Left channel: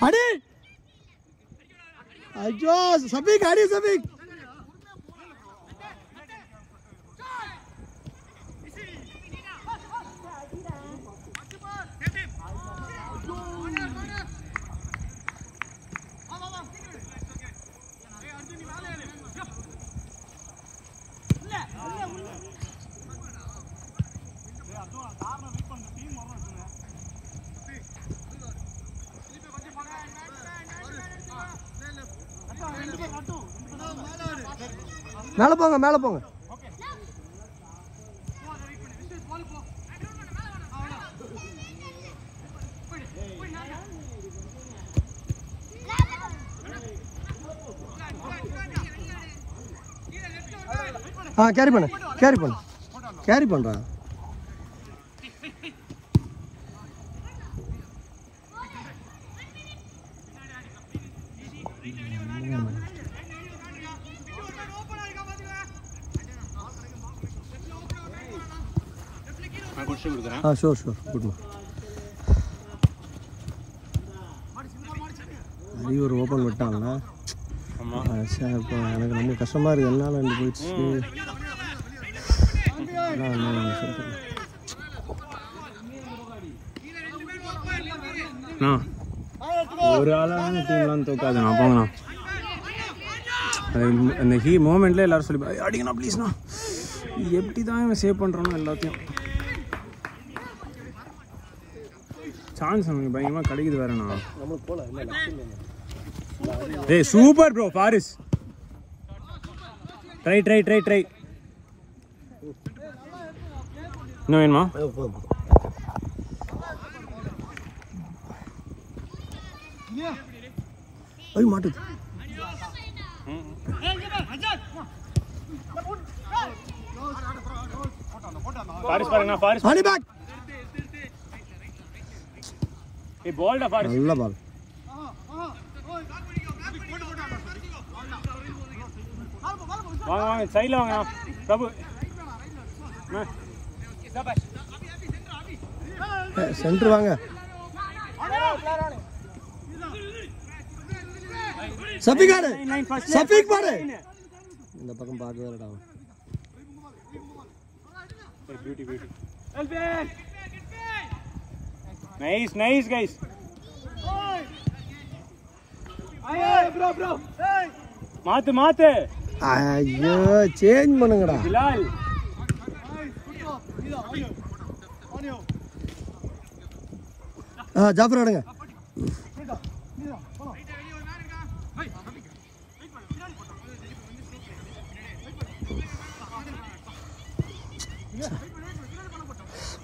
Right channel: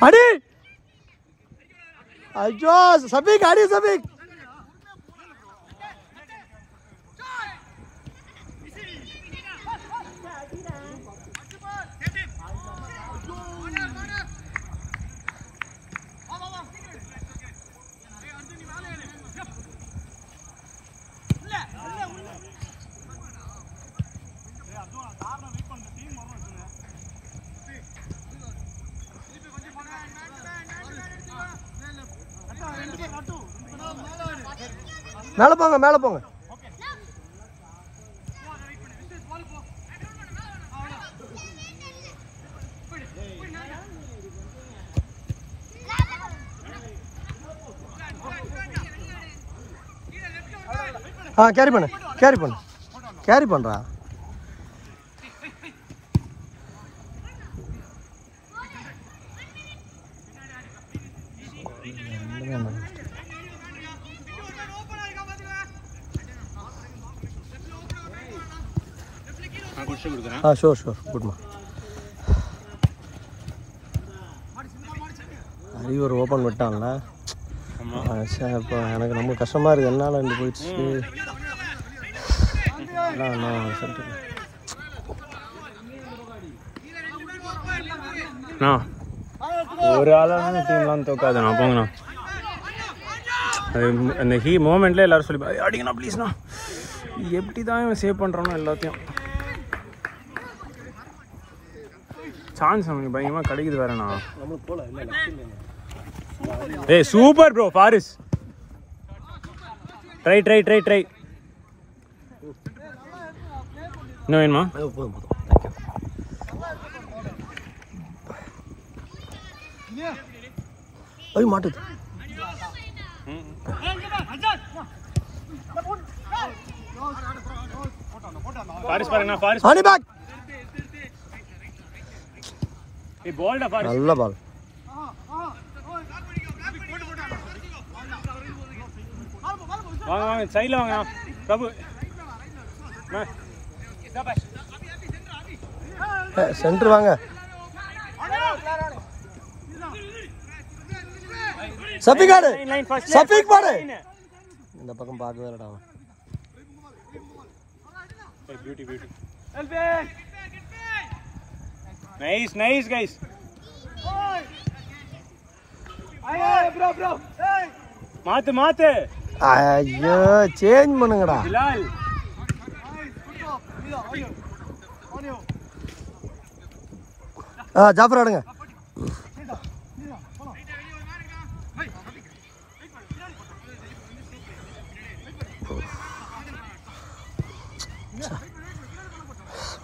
அடி ஐயோ சபிக் அடி சபிக் மேல போங்க மேல போங்க கேரி பண்ணு கேரி பண்ணு கேரி பண்றா ஷோர் ஷோர் குட்மா அறிவர் ஓப்பன் விட்டான்ல இப்போ எனக்கு ரொம்ப கஷ்டமாக இருக்குது என்னால் இருந்து போயிடுச்சு ஒரு ஆளான டீம்லாம் தோக்காதுண்ணா போங்கண்ணா அது அந்த மூமெண்ட்ல எல்லாரும் சொல்லி அடிங்கண்ணா ப்ளீஸ்ண்ணா எப்படி தான் இவன் சேவ் பண்ணுறானோ எல்லாத்தையும் சான்ஸ் நமக்கு பயங்கரமாக கிடைக்குது வேறண்ணா ஏய் super bro Faris try try try try இன்னும் வேணுமா ஐய் மாட்டுது ஃபாரிஸ் பாருங்க ஃபாரிஸ் ஆனி பேக் ஏய் பால்டா ஃபாரிஸ் நல்ல பால் வாங்க வாங்க சைடுல வாங்க பிரபு சென்டர் வாங்க சபிகாடு சபிக் பாரு இந்த பக்கம் பார்க்கவே இல்லடா beauty beauty nice nice guys bro bro மாத்து மாத்து ஐயோ சேஞ்ச் பண்ணுங்கடா பிலால் ஜாஃபர் ஆடுங்க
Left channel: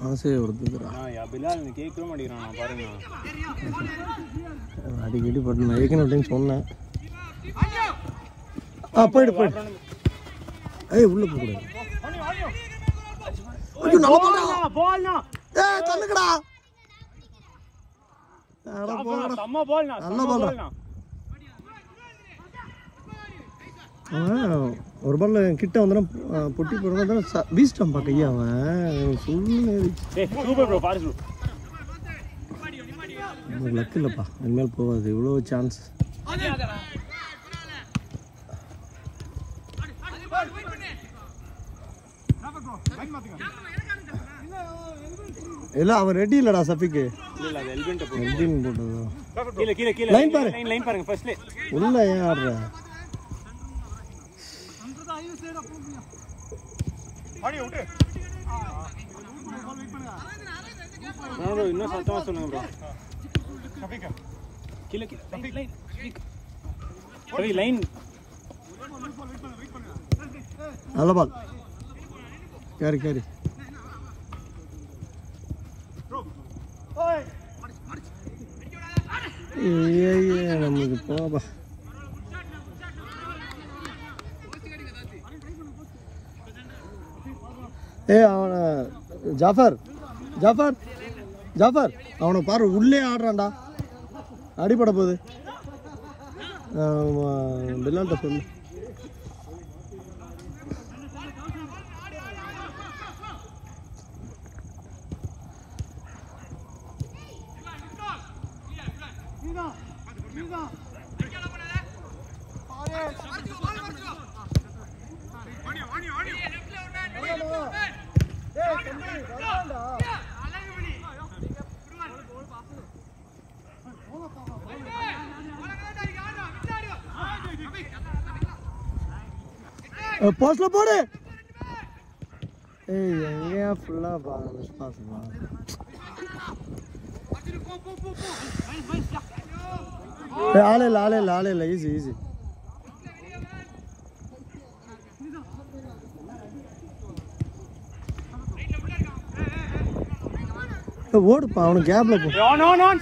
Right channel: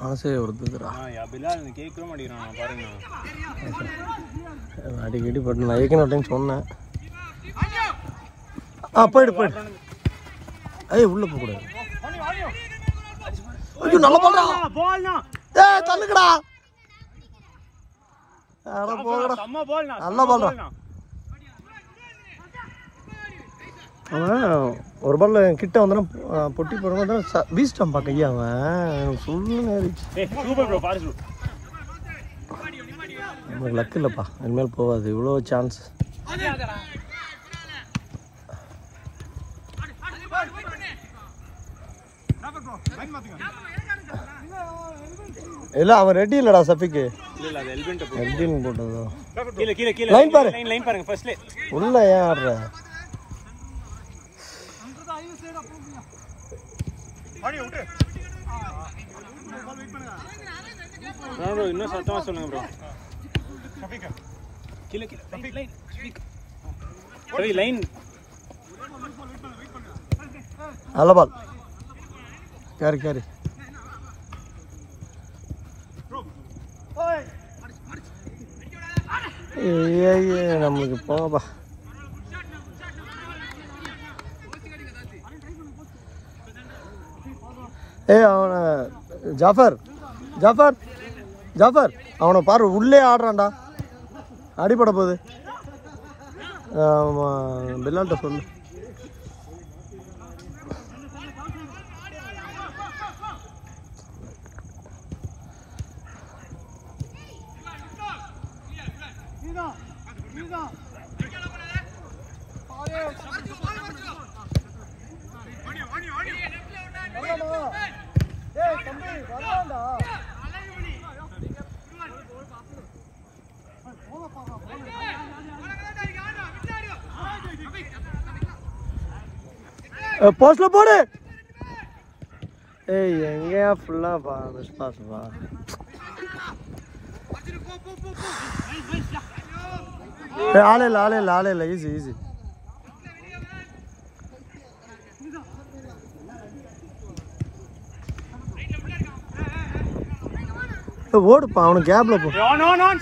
ஆசை வருதுடா பிலால் இந்த கேக்கவே மாட்டேங்கிறான் பாருங்க அடிக்கடி பட்டு நான் ஏற்கனவே சொன்னேன் போயிடு போயிடு ஐயோ உள்ள போக கூடாது ஐயோ நல்ல பால்டா ஏய் தள்ளுங்கடா அட போங்கடா அம்மா பால்னா நல்ல பால்டா அவன் ஒரு பால்ல கிட்ட வந்தா பொட்டி போறவங்க வீஸ்டம் பா கையா அவன் சொல்லுங்க ஏய் சூப்பர் ப்ரோ பாரு நமக்கு லக் இல்லப்பா இனிமேல் போகாது இவ்வளோ சான்ஸ் இல்ல அவன் ரெடி இல்லடா சபிக்கு இல்ல அது எல்பின்ட்ட போடு எல்பின் போட்டதோ கீழ கீழ கீழ லைன் பாரு லைன் பாருங்க ஃபர்ஸ்ட்ல உள்ள ஏன் ஆடுற ப்ரோ இன்னும் சத்தமா சொல்லுங்க ப்ரோ கீழ சரி லைன் நல்ல பால் கேரி கேரி நமக்கு போப்பா அவனை ஜாஃபர் ஜாஃபர் ஜாஃபர் அவனை பாரு உள்ளே ஆடுறான்டா அடிபட போகுது பில்லால்ட்ட சொல்லு போஸ்ட்ல போடு. ஏய் எங்கயா ஃபுல்லா பா மிஸ் பாஸ் பா. ஆளே இல்ல ஈஸி. ஓடுப்பா அவனுக்கு கேப்ல போ.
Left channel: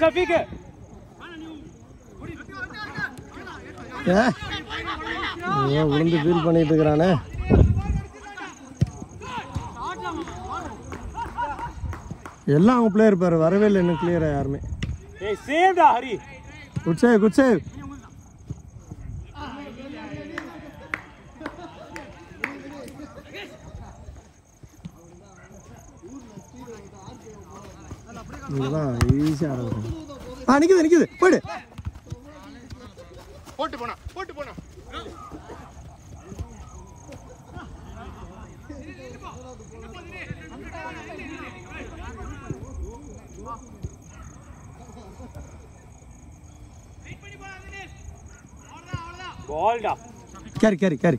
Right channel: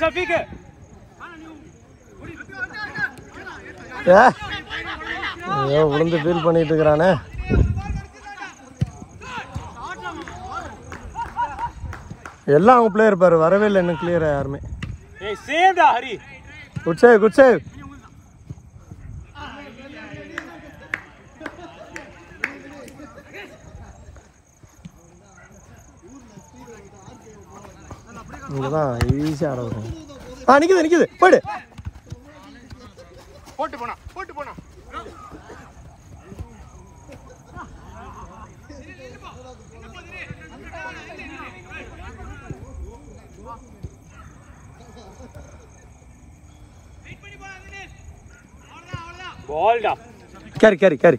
சஃபீக் ஐயோ விழுந்து ஃபீல் பண்ணிட்டு இருக்கிறானே. எல்லாம் அவங்க பிளேயர் பாரு வரவே இல்லை இன்னும் கிளியர் யாருமே. Good save. இங்கதான் ஈஸியா ஆரம்பிக்கும். நிக்குது போயிடு. போட்டு போனா பால்டா. கேரி.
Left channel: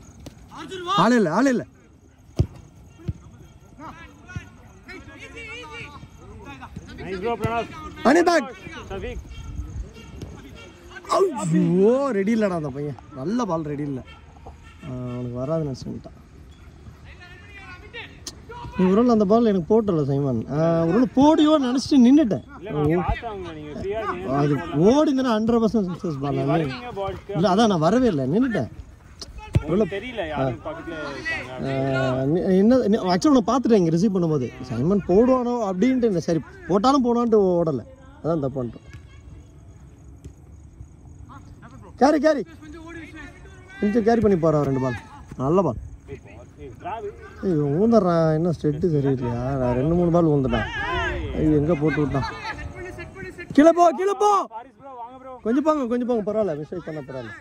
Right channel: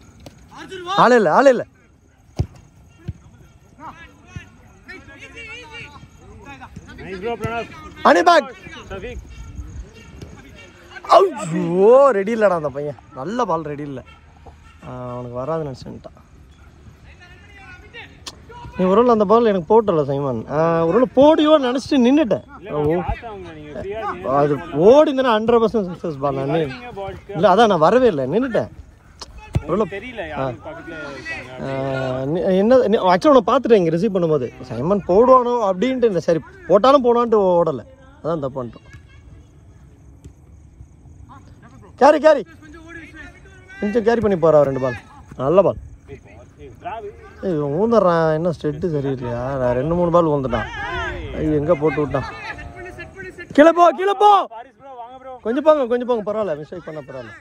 ஆளே இல்ல. அனி பேக். ஐயோ ரெடி இல்லடா அந்த பையன். நல்ல பால் ரெடி இல்லை. அவனுக்கு வராது நினச்சிட்டான். நீ ஒரு அந்த பால் எனக்கு போட்டல சைமன். ஒரு போடியோ நினச்சிட்டு நின்றுட்டேன். அது ஓடிந்தா 100% சக்ஸஸ் பால். நான் இல்லை அதான் நான் வரவே இல்லை நின்றுட்டேன். என்ன ஆக்சுவலாக உன்னை பார்த்துட்டேன் இங்கே ரிசீவ் பண்ணும்போது சைமன் போடுவானோ அப்படின்ட்டு இல்லை. சரி போட்டாலும் போடுவான்ட்டு ஓடலை. அதான் தப்பு பண்ணிட்டோம். கேரி கொஞ்சம் கேரி பண்ணி போறா. 2 பால் நல்ல பால். ஊந்துடுறான் என்ன ஸ்டெட்டு சரியில்லையா. 2-3 பால் ஊந்துட்டான். எங்க போட்டு விட்டான். கீழே போ. கொஞ்சம் போங்க பரவாயில்ல. மிஸ்டேக் பண்ண பரவாயில்ல.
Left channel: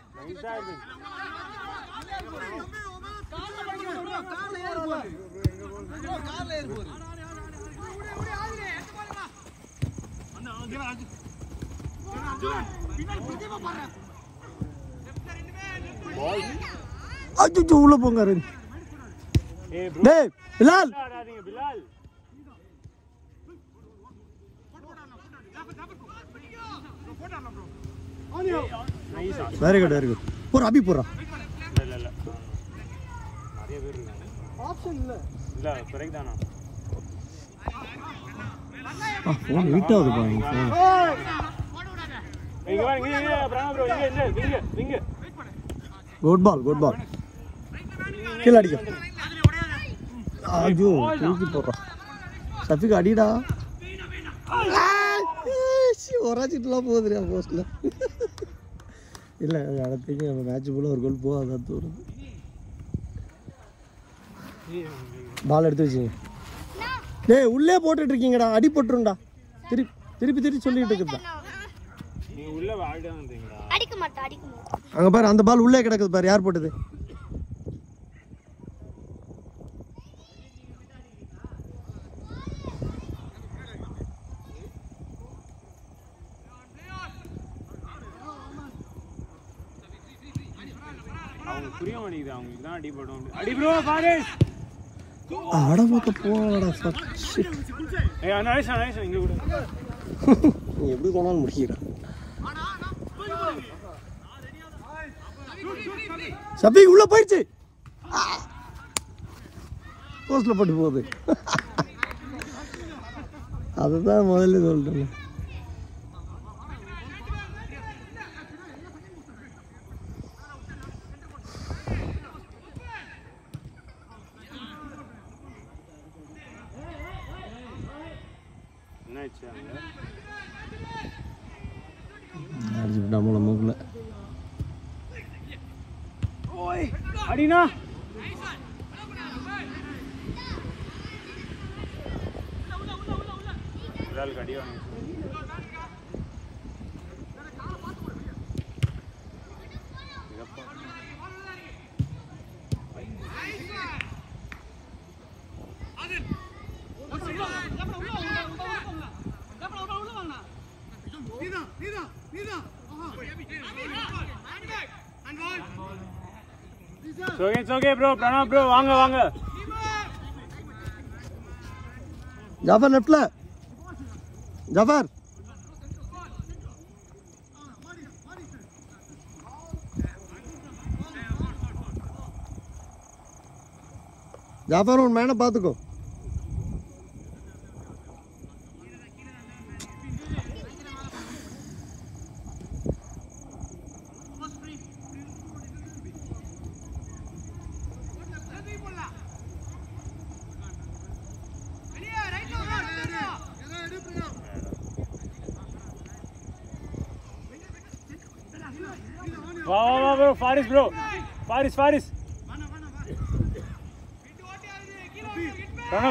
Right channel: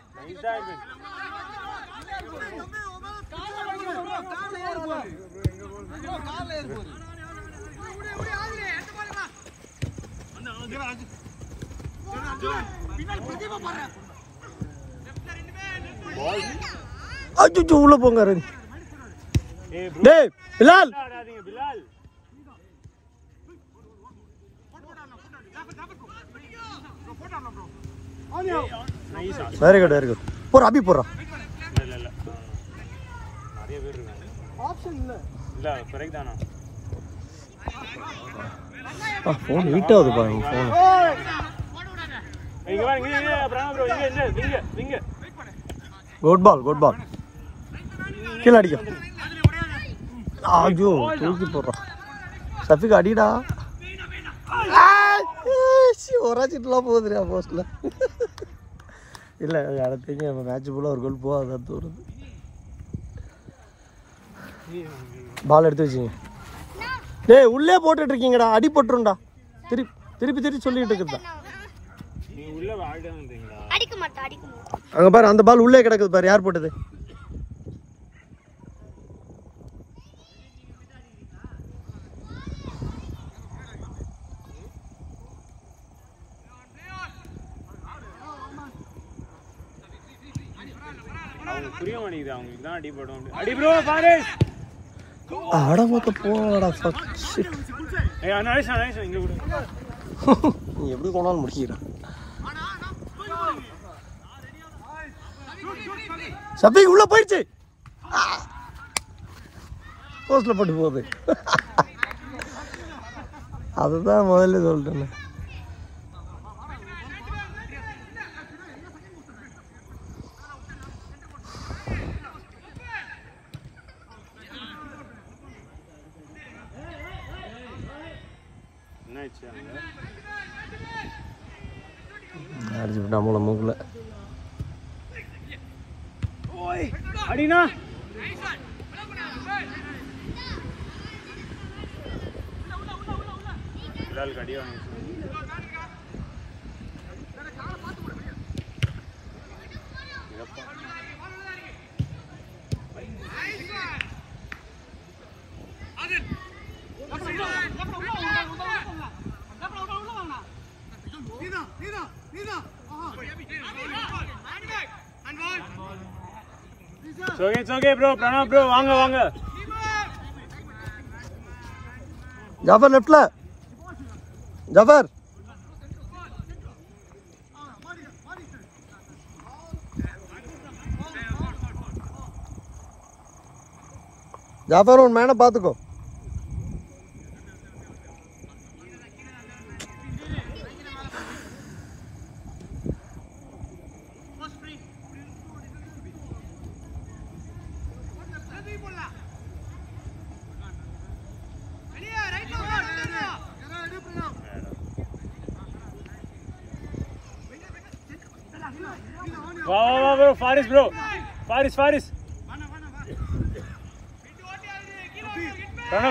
அச்சோ உள்ள போங்க. டேய் பிலால் வெரி குட். போற அபி போறா. ஃபோன் ஹீட் ஆகுது பாருங்க. குட் பால் கீழே அடிக்கும். ஐயோ தூக்கி போடுறா. சஃபிக் அடிடா. உரைச்சிட்டுலாம் போகுதுடா போஸ்ட்ல. இல்லை அடுத்து நம்ம மேட்ச் போல ஒரு கோல் போகாதான் தோணுது. பால் எடுத்து வச்சுங்க. டேய் உள்ளே போட்டுட்டு இருக்கீங்கடா. அடி போட்டுருண்டா. திருப்பி சொல்லிட்டு இருக்குதா. அங்க பாரு அந்த பால் உள்ளே கிடக்குது பாரு. யார் போட்டது? எப்படி போனாலும் முடிச்சுக்கிறான். சபை உள்ள போயிடுச்சு. போஸ்ட்ல போட்டு போகுது. அதுதான் முதல்ல சொல்லிட்டேன். அடிச்சு விட்டா மூளை மூக்குல. அடினா It's okay bro. Pranav bro, வாங்க. ஜாஃபர் லெஃப்ட்ல. ஜாஃபர். ஜாஃபர் உன் மேனை பார்த்துக்கோ. Wow, bro, Faris bro. Faris.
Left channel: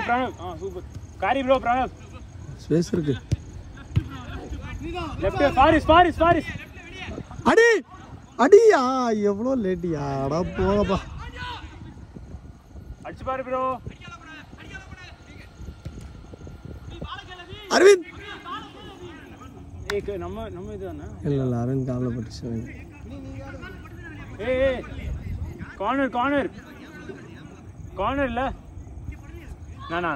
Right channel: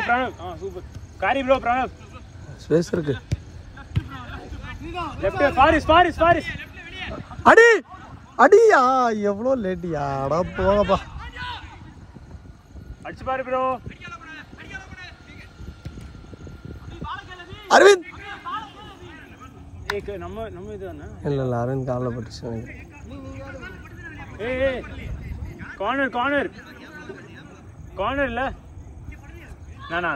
Pranav. Super. Kari bro, Pranav. Space இருக்கு. Left Faris. அடியா எவ்வளோ லேட்டியா? அடா போங்கப்பா. அடிச்சு பாரு bro. அரவிந்த். நம்ம இதுதானே? இல்ல அரவிந்த் காலில் பட்டுச்சு. ஏய் கார்னர் இல்ல நானா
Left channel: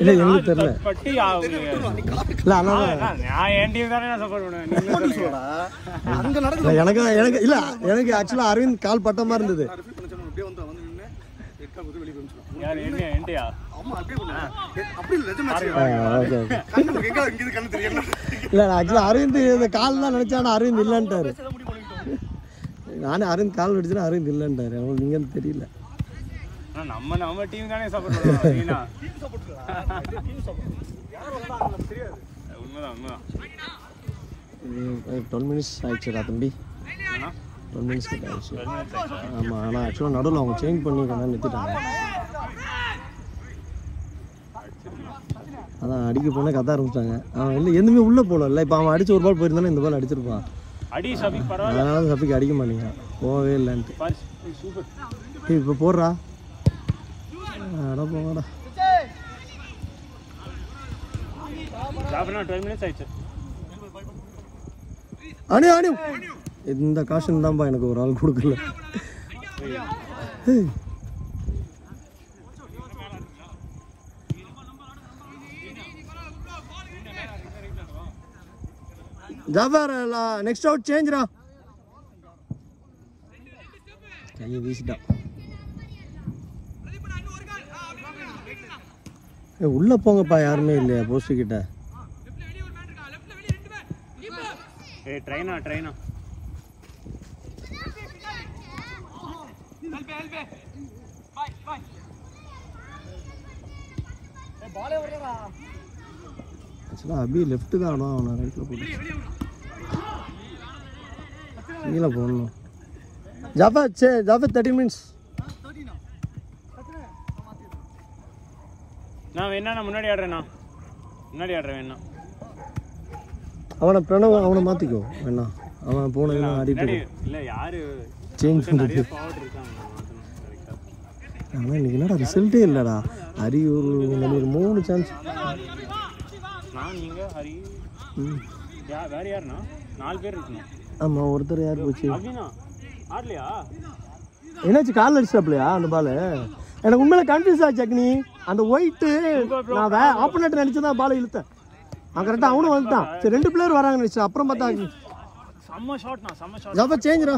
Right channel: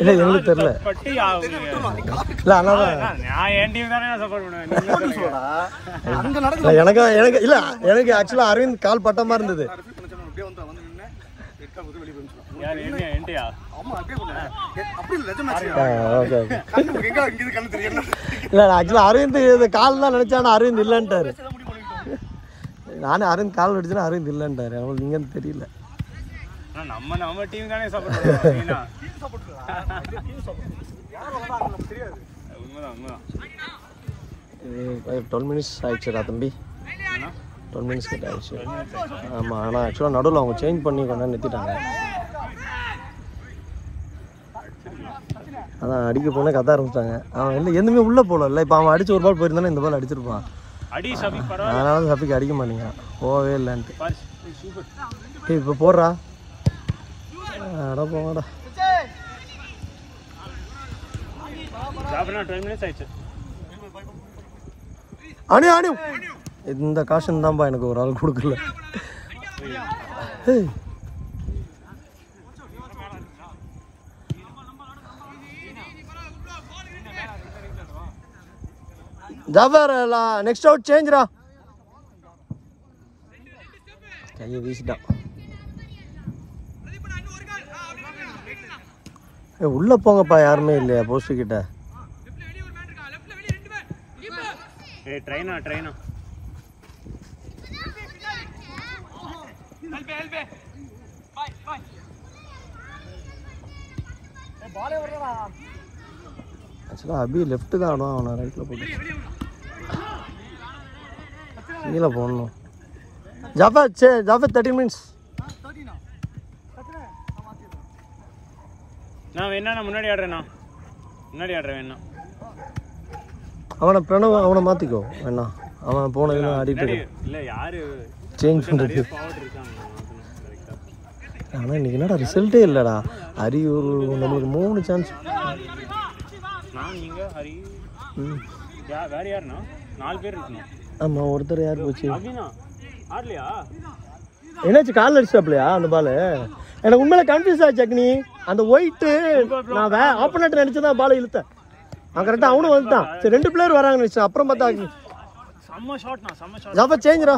இல்ல எனக்கு தெரியல. பட்டி இல்ல அண்ணா நான் என் டீம் தானே சப்போர்ட் பண்ணுவேன். அங்க நடக்குது. எனக்கு இல்ல எனக்கு ஆக்சுவலா அரவிந்த் கால் பட்ட மாதிரி இருந்தது. இல்ல ஆக்சுவலா அரவிந்த் கால் தான் நினைச்சானா அரவிந்த் இல்லன்ட்டாரு. நானே அரவிந்த் கால் அடிச்சேன்னா அரவிந்த் இல்லன்ட்டாரு. அவங்களுக்கு இங்கன்னு தெரியல. நம்ம டீம் தானே சப்போர்ட் பண்ணுவோம். உண்மைதான் 12 மினிட்ஸ் ஆயிடுச்சுடா தம்பி. 12 மினிட்ஸ் கிட்ட ஆயிடுச்சு. ஆமா ஆனா ஆக்சுவலா நடுவில் அவங்க சேஞ்ச் பண்ணி கொண்டா நிறுத்திட்டாங்க. அதான் அடிக்க போன கத்த ஆரம்பிச்சாங்க. அவன் இல்லை எதுவுமே உள்ள போகல. இப்போ அவன் அடிச்சு ஒரு பால் போயிருந்தானே இந்த பால் அடிச்சிருப்பான். அதனால சபிக்கு அடிக்க மாட்டேங்கிறான். போகவே இல்லைன்ட்டு. இப்போ போடுறா. அட போங்கடா. அணி இந்த காஷன் தான்ப்பா எனக்கு ஒரு ஆள் கொடுக்கல. ஜாபர் நெக்ஸ்ட் அவுட் சேஞ்ச்ரா. கையை வீசிட்டான். உள்ள போங்கப்பா. யாருமே இல்லையா போஸ்ட் கிட்ட? ட்ரைனா ஆக்சுவலாக அபி லெஃப்ட் தான் ஆடும். அவனை ரைட்டில் போட்டு கீழே போடணும். ஜாஃபர் 13 மினிட்ஸ். நான் வேணா முன்னாடி ஆடுறேன் வேணா. அவனை பிரணவ் அவனை மாற்றிக்கோ வேணா. அவன் போனதுன்னு ஆடிட்டு இல்லை யாரு சேஞ்ச் பண்ணுறது. ஆனால் இன்னைக்கு என்னடா ரிசல்ட்டே இல்லைடா. அரியூர் நம்மளுக்கு 3 சான்ஸ். வேற யாருண்ணா 4 பேர் இருக்குண்ணா. ஆமாம் ஒருத்தர் யார் போச்சு? ஆடலையா? என்னாச்சு கால் அடிச்சாப்லையா அந்த பால்? எனக்கு உண்மையில கன்ஃபியூஸ் ஆச்சு அக்னி. அந்த ஒயிட்டு நான் ஆப்போனட் நினைச்சுதான் பாலை இழுத்தேன். அவன் கரெக்டாக அவனும் வந்துட்டான். சரி 2 பிளேயர் வராங்கன்னு நினைச்சேன். அப்புறம் பார்த்தா செம்ம ஷாட்னா ஜாஃபர் சேஞ்ச்ரா.